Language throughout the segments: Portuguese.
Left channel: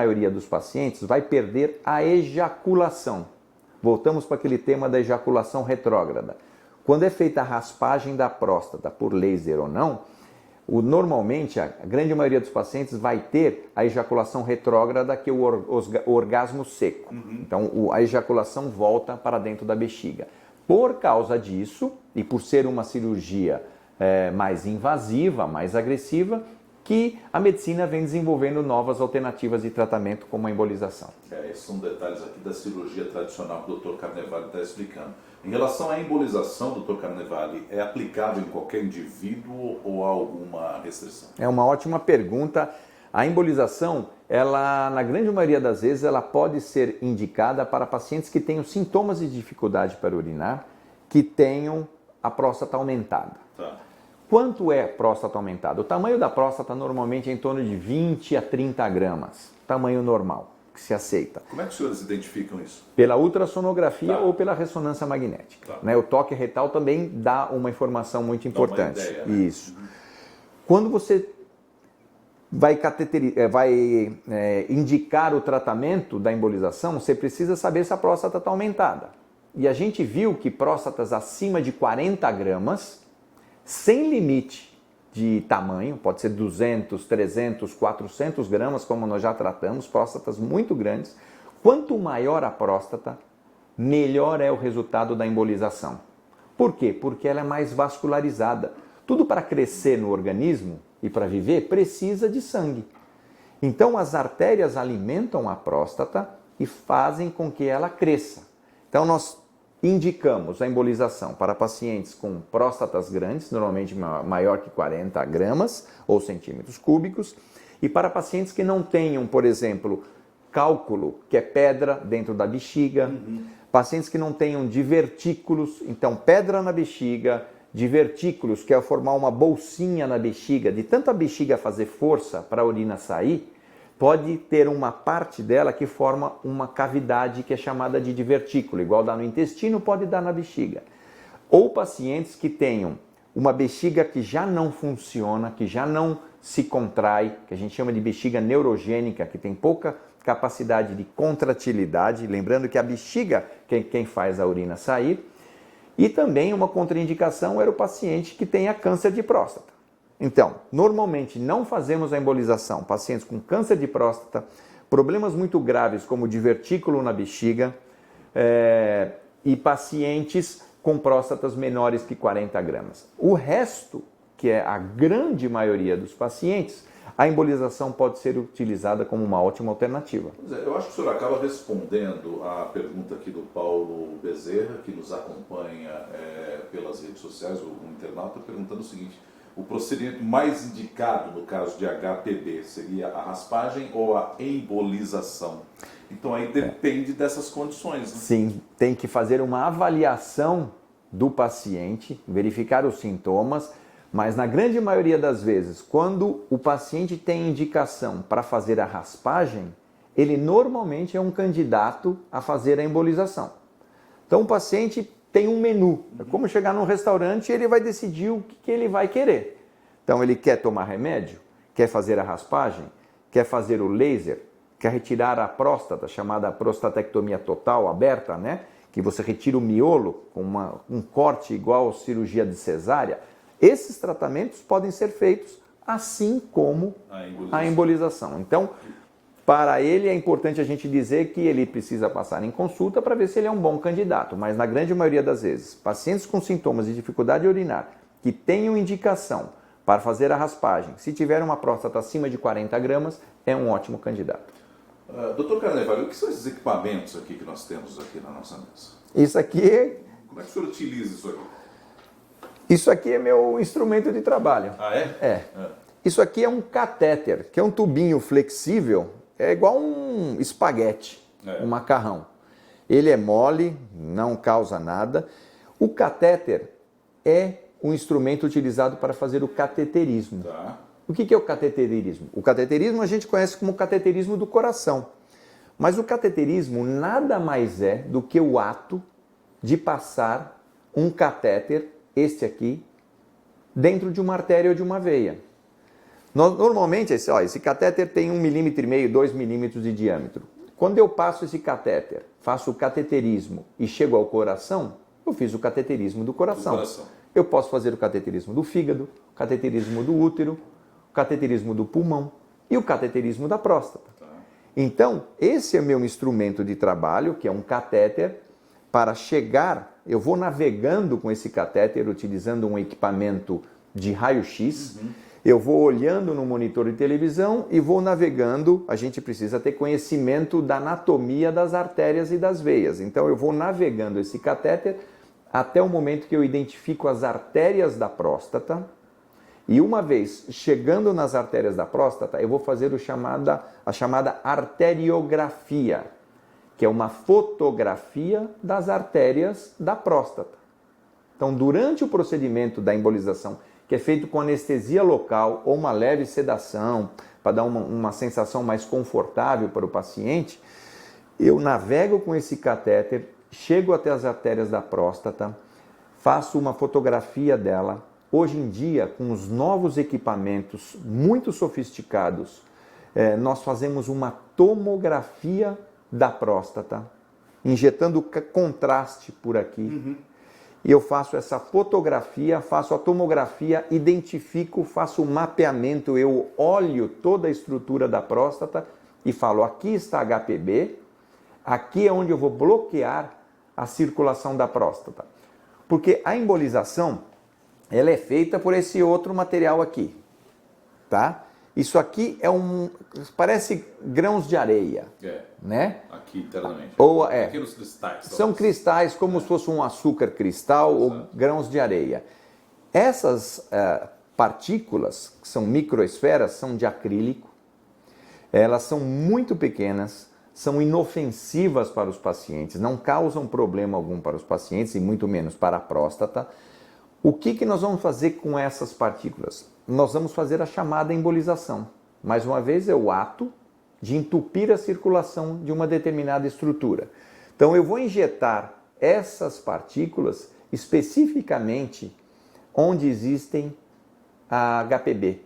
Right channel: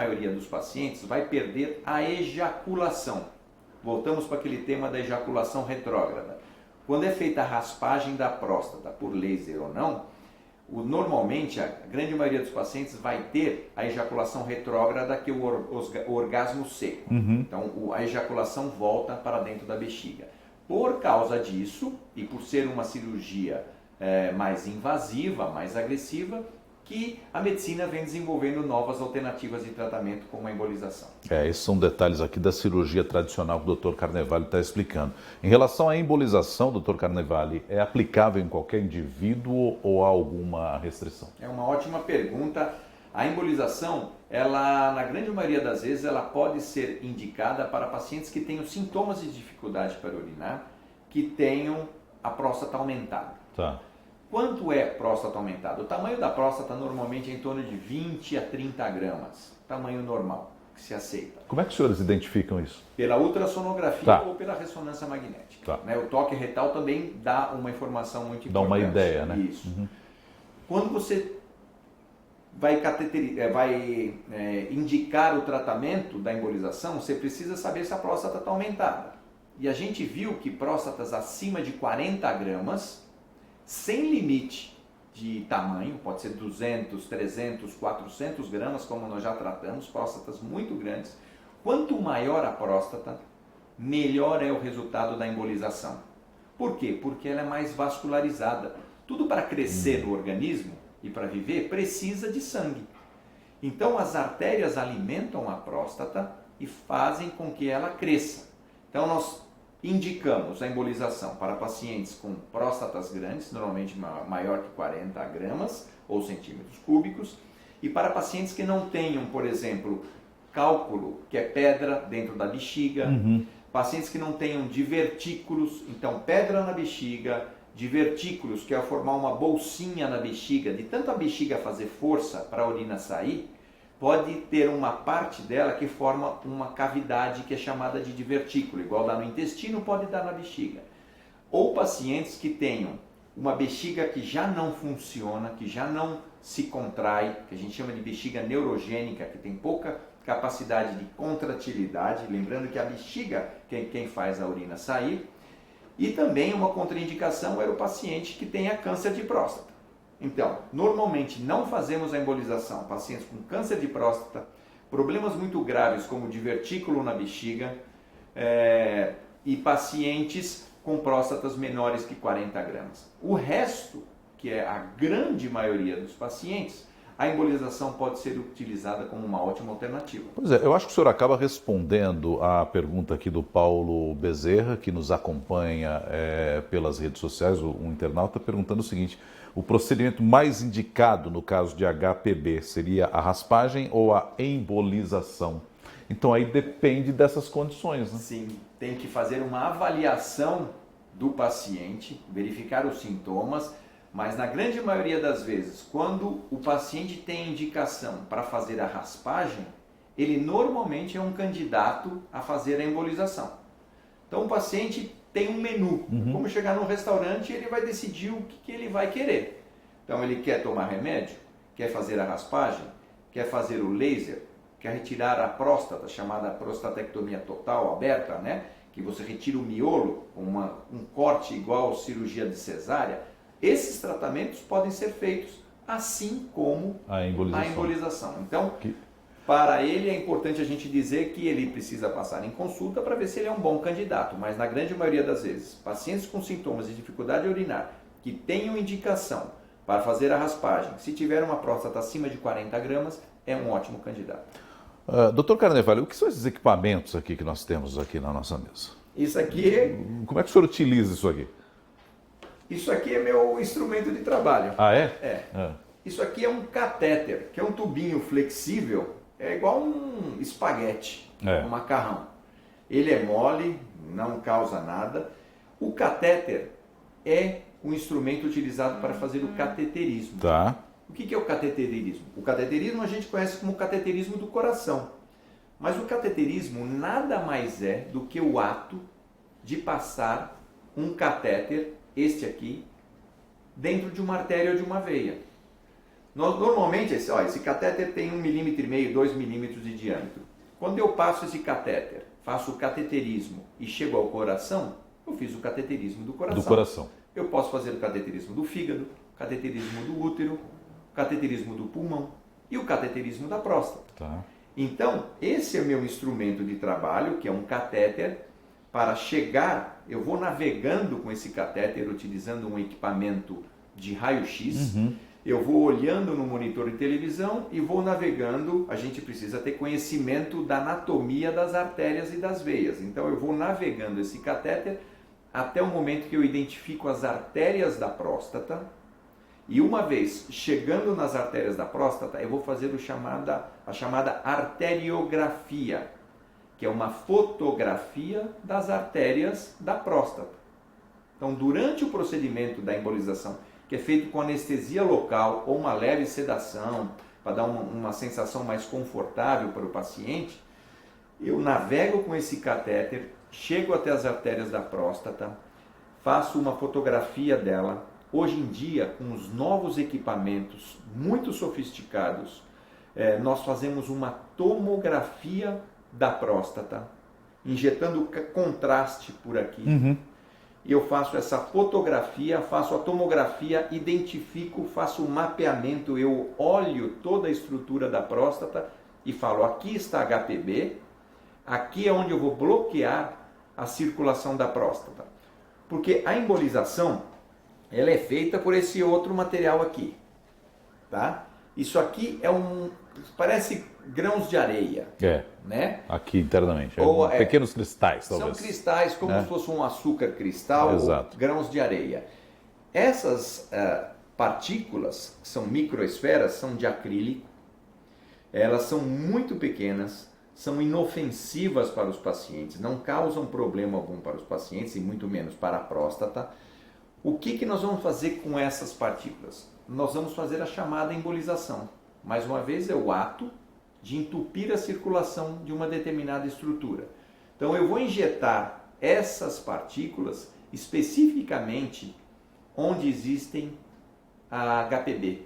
maioria dos pacientes vai perder a ejaculação. Voltamos para aquele tema da ejaculação retrógrada. Quando é feita a raspagem da próstata por laser ou não, normalmente a grande maioria dos pacientes vai ter a ejaculação retrógrada, que é o orgasmo seco. Então a ejaculação volta para dentro da bexiga. Por causa disso, e por ser uma cirurgia mais invasiva, mais agressiva, que a medicina vem desenvolvendo novas alternativas de tratamento, como a embolização. Esses são detalhes aqui da cirurgia tradicional que o Dr. Carnevale está explicando. Em relação à embolização, Dr. Carnevale, é aplicável em qualquer indivíduo ou há alguma restrição? É uma ótima pergunta. A embolização, ela, na grande maioria das vezes, ela pode ser indicada para pacientes que tenham sintomas de dificuldade para urinar, que tenham a próstata aumentada. Tá. Quanto é próstata aumentada? O tamanho da próstata normalmente é em torno de 20 a 30 gramas, tamanho normal, que se aceita. Como é que os senhores identificam isso? Pela ultrassonografia Tá. ou pela ressonância magnética. Tá. O toque retal também dá uma informação muito importante. Dá uma ideia, né? Isso. Quando você vai indicar o tratamento da embolização, você precisa saber se a próstata está aumentada. E a gente viu que próstatas acima de 40 gramas, sem limite de tamanho, pode ser 200, 300, 400 gramas, como nós já tratamos, próstatas muito grandes. Quanto maior a próstata, melhor é o resultado da embolização. Por quê? Porque ela é mais vascularizada. Tudo para crescer no organismo e para viver precisa de sangue. Então as artérias alimentam a próstata e fazem com que ela cresça. Então nós indicamos a embolização para pacientes com próstatas grandes, normalmente maior que 40 gramas ou centímetros cúbicos, e para pacientes que não tenham, por exemplo, cálculo, que é pedra dentro da bexiga, pacientes que não tenham divertículos, então pedra na bexiga, divertículos, que é formar uma bolsinha na bexiga, de tanto a bexiga fazer força para a urina sair, pode ter uma parte dela que forma uma cavidade que é chamada de divertículo, igual dá no intestino, pode dar na bexiga. Ou pacientes que tenham uma bexiga que já não funciona, que já não se contrai, que a gente chama de bexiga neurogênica, que tem pouca capacidade de contratilidade, lembrando que a bexiga é quem faz a urina sair. E também uma contraindicação era o paciente que tenha câncer de próstata. Então, normalmente não fazemos a embolização. Pacientes com câncer de próstata, problemas muito graves como divertículo na bexiga e pacientes com próstatas menores que 40 gramas. O resto, que é a grande maioria dos pacientes, a embolização pode ser utilizada como uma ótima alternativa. Pois é, eu acho que o senhor acaba respondendo à pergunta aqui do Paulo Bezerra, que nos acompanha pelas redes sociais, um internauta perguntando o seguinte: o procedimento mais indicado no caso de HPB seria a raspagem ou a embolização? Então aí depende dessas condições, né? Sim, tem que fazer uma avaliação do paciente, verificar os sintomas, mas na grande maioria das vezes, quando o paciente tem indicação para fazer a raspagem, ele normalmente é um candidato a fazer a embolização. Então o paciente tem um menu. É como chegar num restaurante e ele vai decidir o que ele vai querer. Então ele quer tomar remédio, quer fazer a raspagem, quer fazer o laser, quer retirar a próstata, chamada prostatectomia total, aberta, né? Que você retira o miolo com um corte igual a cirurgia de cesárea. Esses tratamentos podem ser feitos assim como a embolização. Então, para ele é importante a gente dizer que ele precisa passar em consulta para ver se ele é um bom candidato. Mas na grande maioria das vezes, pacientes com sintomas de dificuldade urinar que tenham indicação para fazer a raspagem, se tiver uma próstata acima de 40 gramas, é um ótimo candidato. Doutor Carnevale, o que são esses equipamentos aqui que nós temos aqui na nossa mesa? Isso aqui Como é que o senhor utiliza isso aqui? Isso aqui é meu instrumento de trabalho. Ah, é? É. Isso aqui é um catéter, que é um tubinho flexível, é igual um espaguete, um macarrão. Ele é mole, não causa nada. O catéter é um instrumento utilizado para fazer o cateterismo. Tá. O que é o cateterismo? O cateterismo a gente conhece como cateterismo do coração. Mas o cateterismo nada mais é do que o ato de passar um catéter, este aqui, dentro de uma artéria ou de uma veia. Normalmente, esse catéter tem 1,5 mm, 2 milímetros de diâmetro. Quando eu passo esse catéter, faço o cateterismo e chego ao coração, eu fiz o cateterismo do coração. Do coração. Eu posso fazer o cateterismo do fígado, o cateterismo do útero, o cateterismo do pulmão e o cateterismo da próstata. Tá. Então, esse é o meu instrumento de trabalho, que é um catéter. Para chegar, eu vou navegando com esse catéter, utilizando um equipamento de raio-x. Eu vou olhando no monitor de televisão e vou navegando. A gente precisa ter conhecimento da anatomia das artérias e das veias. Então, eu vou navegando esse catéter até o momento que eu identifico as artérias da próstata. E uma vez chegando nas artérias da próstata, eu vou fazer a chamada arteriografia, que é uma fotografia das artérias da próstata. Então, durante o procedimento da embolização, que é feito com anestesia local ou uma leve sedação, para dar uma sensação mais confortável para o paciente, eu navego com esse catéter, chego até as artérias da próstata, faço uma fotografia dela. Hoje em dia, com os novos equipamentos muito sofisticados, nós fazemos uma tomografia da próstata, injetando contraste por aqui. E eu faço essa fotografia, faço a tomografia, identifico, faço um mapeamento, eu olho toda a estrutura da próstata e falo, aqui está HPB, aqui é onde eu vou bloquear a circulação da próstata. Porque a embolização, ela é feita por esse outro material aqui, tá? Isso aqui parece grãos de areia, né? Aqui internamente. Ou, pequenos cristais. São talvez. cristais, como se fosse um açúcar cristal, ou grãos de areia. Essas partículas, que são microesferas, são de acrílico. Elas são muito pequenas, são inofensivas para os pacientes, não causam problema algum para os pacientes e muito menos para a próstata. O que nós vamos fazer com essas partículas? Nós vamos fazer a chamada embolização. Mais uma vez, é o ato de entupir a circulação de uma determinada estrutura. Então, eu vou injetar essas partículas especificamente onde existem a HPB.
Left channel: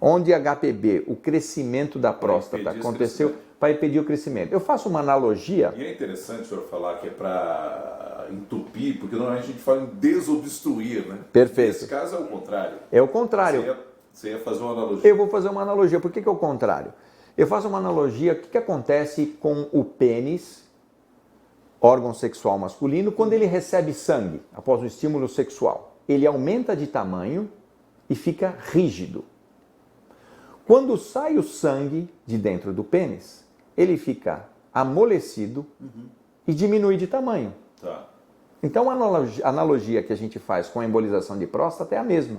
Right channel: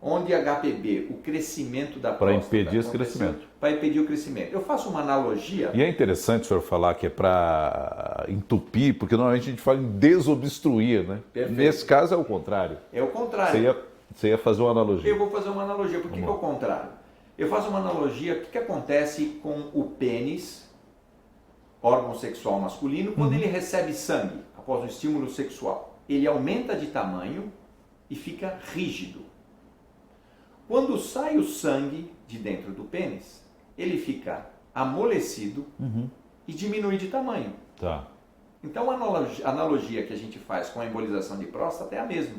Onde a HPB, o crescimento da próstata aconteceu, para impedir o crescimento. Eu faço uma analogia. E é interessante o senhor falar que é para entupir, porque normalmente a gente fala em desobstruir, né? Perfeito. Nesse caso é o contrário. É o contrário. Você ia fazer uma analogia. Eu vou fazer uma analogia. Por que é o contrário? Eu faço uma analogia, o que acontece com o pênis, órgão sexual masculino, quando ele recebe sangue após um estímulo sexual. Ele aumenta de tamanho e fica rígido. Quando sai o sangue de dentro do pênis, ele fica amolecido e diminui de tamanho. Tá. Então a analogia que a gente faz com a embolização de próstata é a mesma.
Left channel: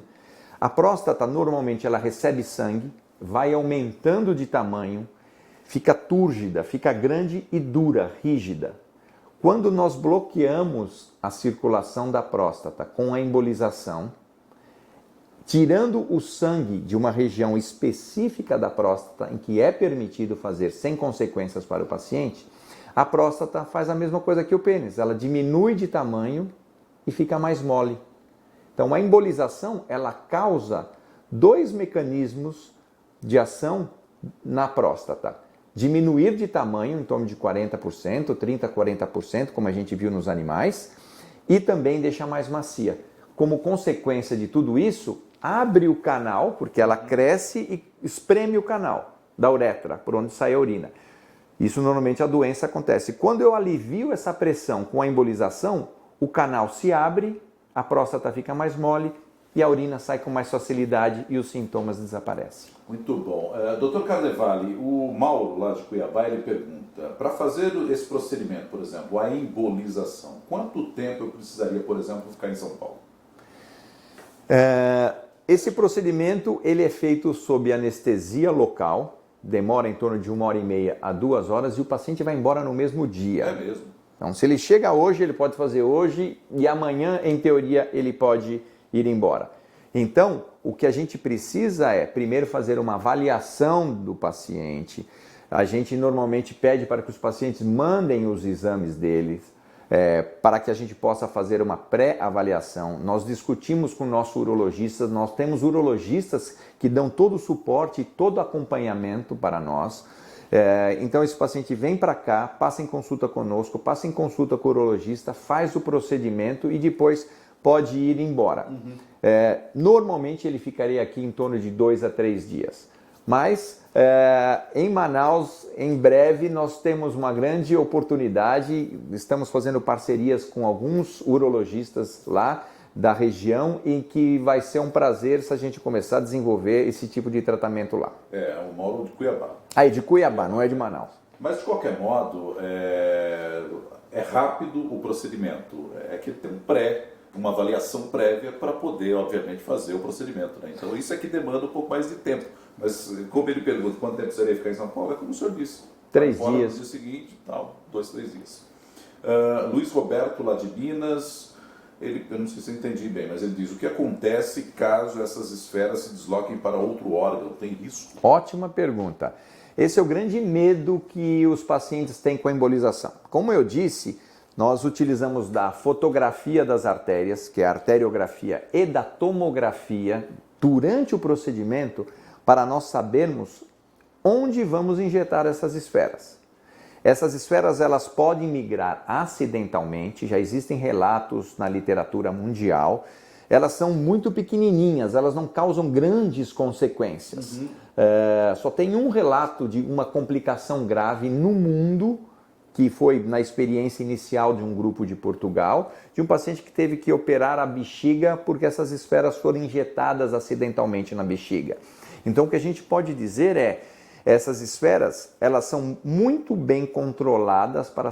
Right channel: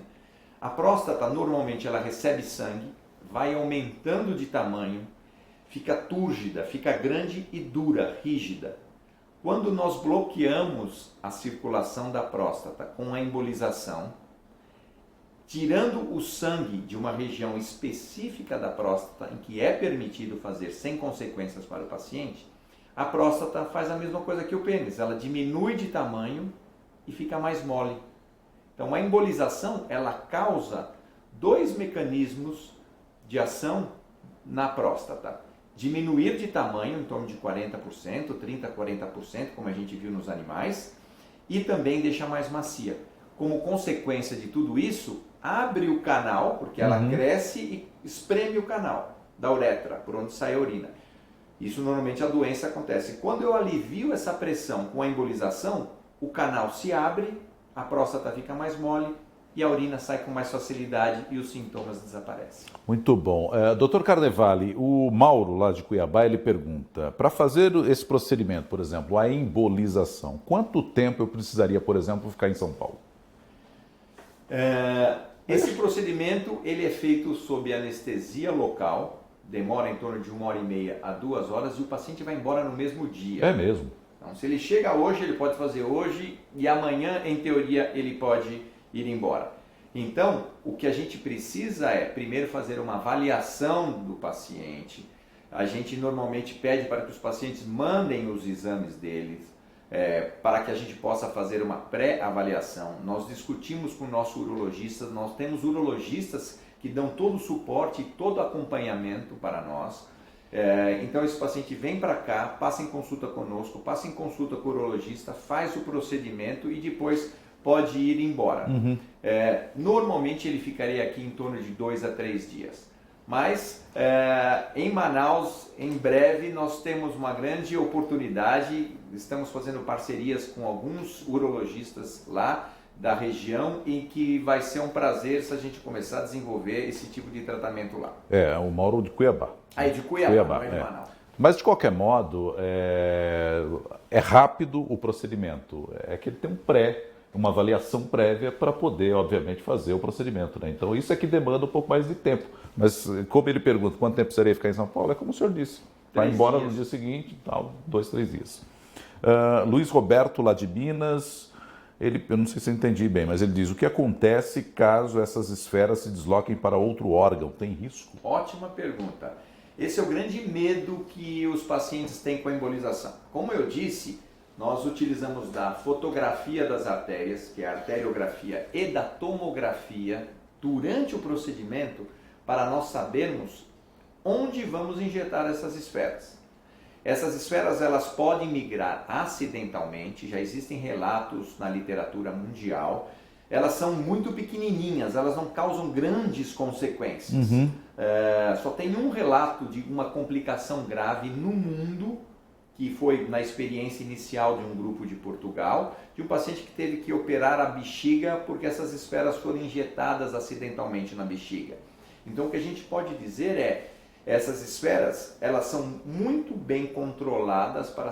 A próstata normalmente ela recebe sangue, vai aumentando de tamanho, fica túrgida, fica grande e dura, rígida. Quando nós bloqueamos a circulação da próstata com a embolização, tirando o sangue de uma região específica da próstata em que é permitido fazer sem consequências para o paciente, a próstata faz a mesma coisa que o pênis, ela diminui de tamanho e fica mais mole. Então a embolização, ela causa dois mecanismos de ação na próstata. Diminuir de tamanho, em torno de 40%, 30% a 40%, como a gente viu nos animais, e também deixar mais macia. Como consequência de tudo isso, abre o canal, porque ela cresce e espreme o canal da uretra, por onde sai a urina. Isso normalmente a doença acontece. Quando eu alivio essa pressão com a embolização, o canal se abre, a próstata fica mais mole e a urina sai com mais facilidade e os sintomas desaparecem. Muito bom. Dr. Carnevale, o Mauro, lá de Cuiabá, ele pergunta, para fazer esse procedimento, por exemplo, a embolização, quanto tempo eu precisaria, por exemplo, ficar em São Paulo? Esse procedimento ele é feito sob anestesia local, demora em torno de 1h30 a 2 horas e o paciente vai embora no mesmo dia. É mesmo? Então, se ele chega hoje, ele pode fazer hoje e amanhã, em teoria, ele pode ir embora. Então, o que a gente precisa é, primeiro, fazer uma avaliação do paciente. A gente normalmente pede para que os pacientes mandem os exames deles. para que a gente possa fazer uma pré-avaliação. Nós discutimos com o nosso urologista, nós temos urologistas que dão todo o suporte e todo o acompanhamento para nós. Então esse paciente vem para cá, passa em consulta conosco, passa em consulta com o urologista, faz o procedimento e depois pode ir embora. Normalmente ele ficaria aqui em torno de 2 a 3 dias. Mas em Manaus, em breve, nós temos uma grande oportunidade, estamos fazendo parcerias com alguns urologistas lá da região e que vai ser um prazer se a gente começar a desenvolver esse tipo de tratamento lá. O Mauro de Cuiabá. De Cuiabá, não é de Manaus. Mas de qualquer modo, é rápido o procedimento, é que ele tem uma avaliação prévia para poder, obviamente, fazer o procedimento, né? Então isso é que demanda um pouco mais de tempo. Mas como ele pergunta quanto tempo precisaria ficar em São Paulo, é como o senhor disse. 3 vai embora dias. no dia seguinte, 2, 3 dias. Luiz Roberto, lá de Minas, eu não sei se eu entendi bem, mas ele diz: o que acontece caso essas esferas se desloquem para outro órgão? Tem risco? Ótima pergunta. Esse é o grande medo que os pacientes têm com a embolização. Como eu disse, nós utilizamos da fotografia das artérias, que é a arteriografia, e da tomografia durante o procedimento para nós sabermos onde vamos injetar essas esferas. Essas esferas elas podem migrar acidentalmente, já existem relatos na literatura mundial. Elas são muito pequenininhas, elas não causam grandes consequências. Só tem um relato de uma complicação grave no mundo, que foi na experiência inicial de um grupo de Portugal, de um paciente que teve que operar a bexiga porque essas esferas foram injetadas acidentalmente na bexiga. Então o que a gente pode dizer essas esferas, elas são muito bem controladas para